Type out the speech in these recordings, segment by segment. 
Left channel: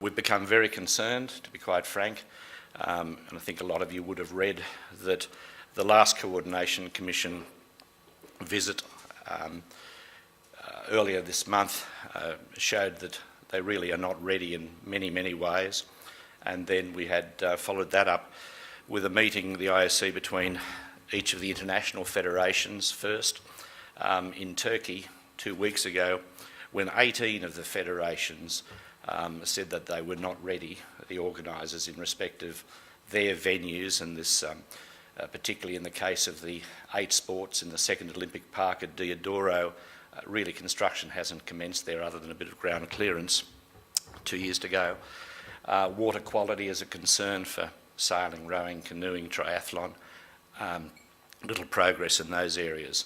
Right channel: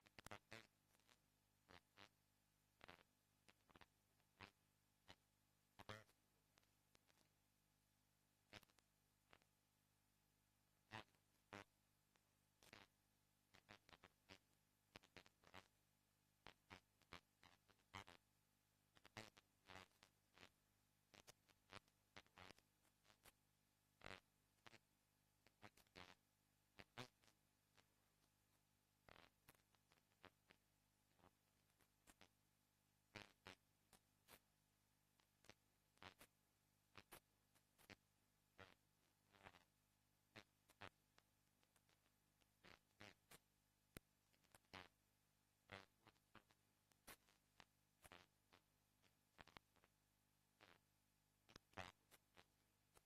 We've become very concerned, to be quite frank, and I think a lot of you would have read that the last Coordination Commission visit earlier this month showed that they really are not ready in many, many ways. And then we had followed that up with a meeting, the IOC, between each of the international federations first in Turkey 2 weeks ago, when 18 of the federations said that they were not ready, the organisers, in respect of their venues, and this particularly in the case of the 8 sports in the second Olympic Park at Diodoro. Really construction hasn't commenced there other than a bit of ground clearance 2 years to go. Water quality is a concern for sailing, rowing, canoeing, triathlon. Little progress in those areas.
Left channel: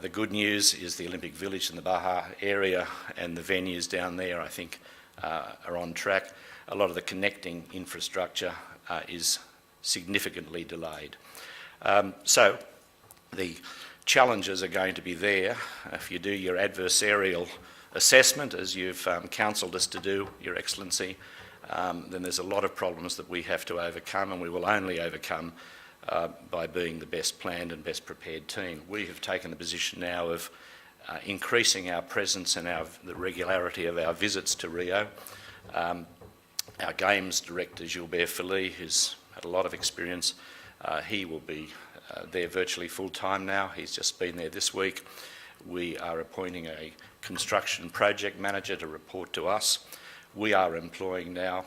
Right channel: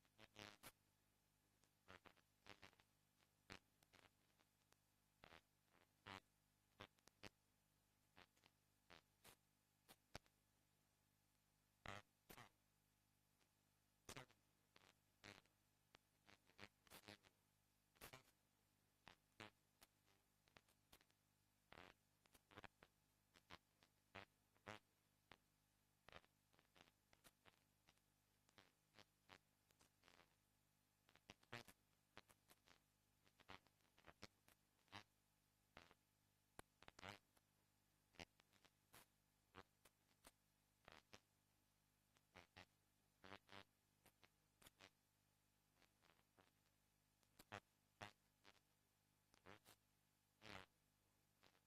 The good news is the Olympic Village in the Baja area and the venues down there, I think, are on track. A lot of the connecting infrastructure is significantly delayed. So the challenges are going to be there. If you do your adversarial assessment, as you've counselled us to do, Your Excellency, then there's a lot of problems that we have to overcome, and we will only overcome by being the best planned and best prepared team. We have taken the position now of increasing our presence and the regularity of our visits to Rio. Our Games Director, Gilbert Philly, who's had a lot of experience, he will be there virtually full-time now. He's just been there this week. We are appointing a construction project manager to report to us. We are employing now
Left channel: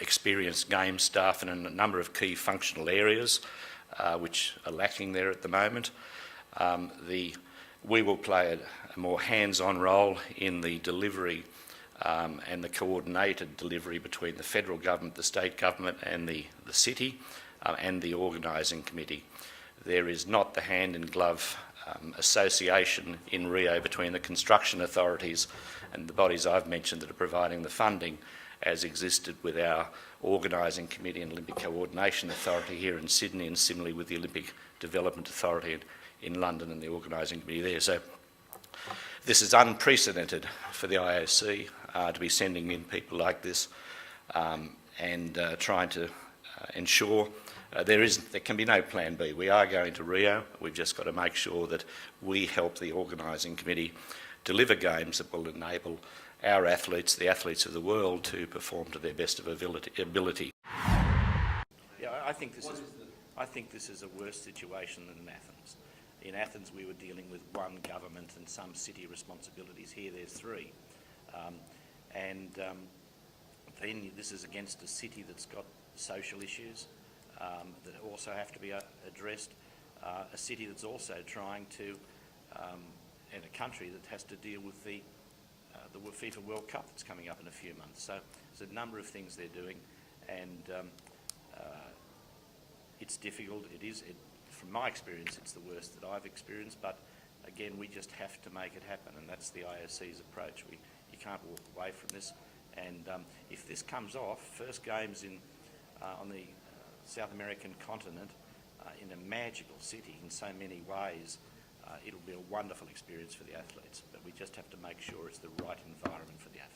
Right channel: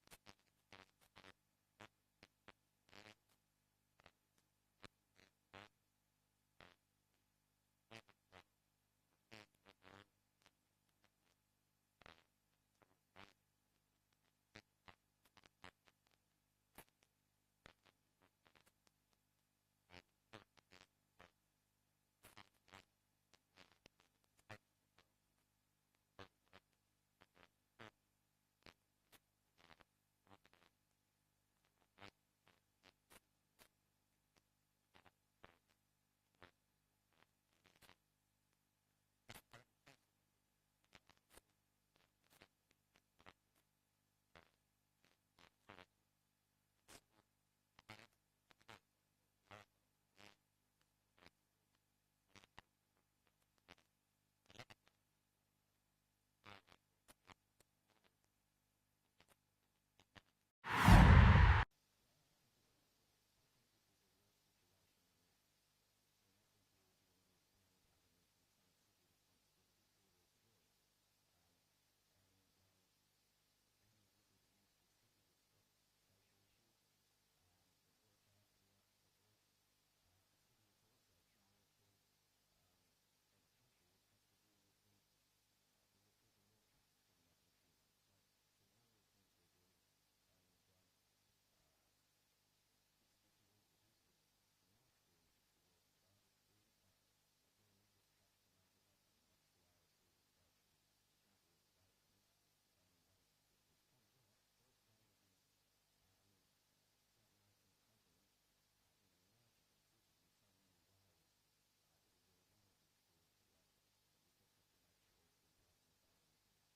experienced game staff in a number of key functional areas which are lacking there at the moment. We will play a more hands-on role in the delivery and the coordinated delivery between the federal government, the state government and the city and the organising committee. There is not the hand-in-glove association in Rio between the construction authorities and the bodies I've mentioned that are providing the funding as existed with our organising committee and Olympic Coordination Authority here in Sydney, and similarly with the Olympic Development Authority in London and the organising committee there. So this is unprecedented for the IOC to be sending in people like this and trying to ensure there can be no plan B. We are going to Rio. We've just got to make sure that we help the organising committee deliver games that will enable our athletes, the athletes of the world, to perform to their best of ability. Yeah, I think this is a worse situation than in Athens. In Athens, we were dealing with one government and some city responsibilities. Here, there's 3, then this is against a city that's got social issues that also have to be addressed. A city that's also trying to, in a country that has to deal with the FIFA World Cup that's coming up in a few months. So there's a number of things they're doing, and it's difficult. From my experience, it's the worst that I've experienced, but again, we just have to make it happen, and that's the IOC's approach. You can't walk away from this, and if this comes off, first games on the South American continent, in a magical city in so many ways, it'll be a wonderful experience for the athletes, but we just have to make sure it's the right environment for the athletes.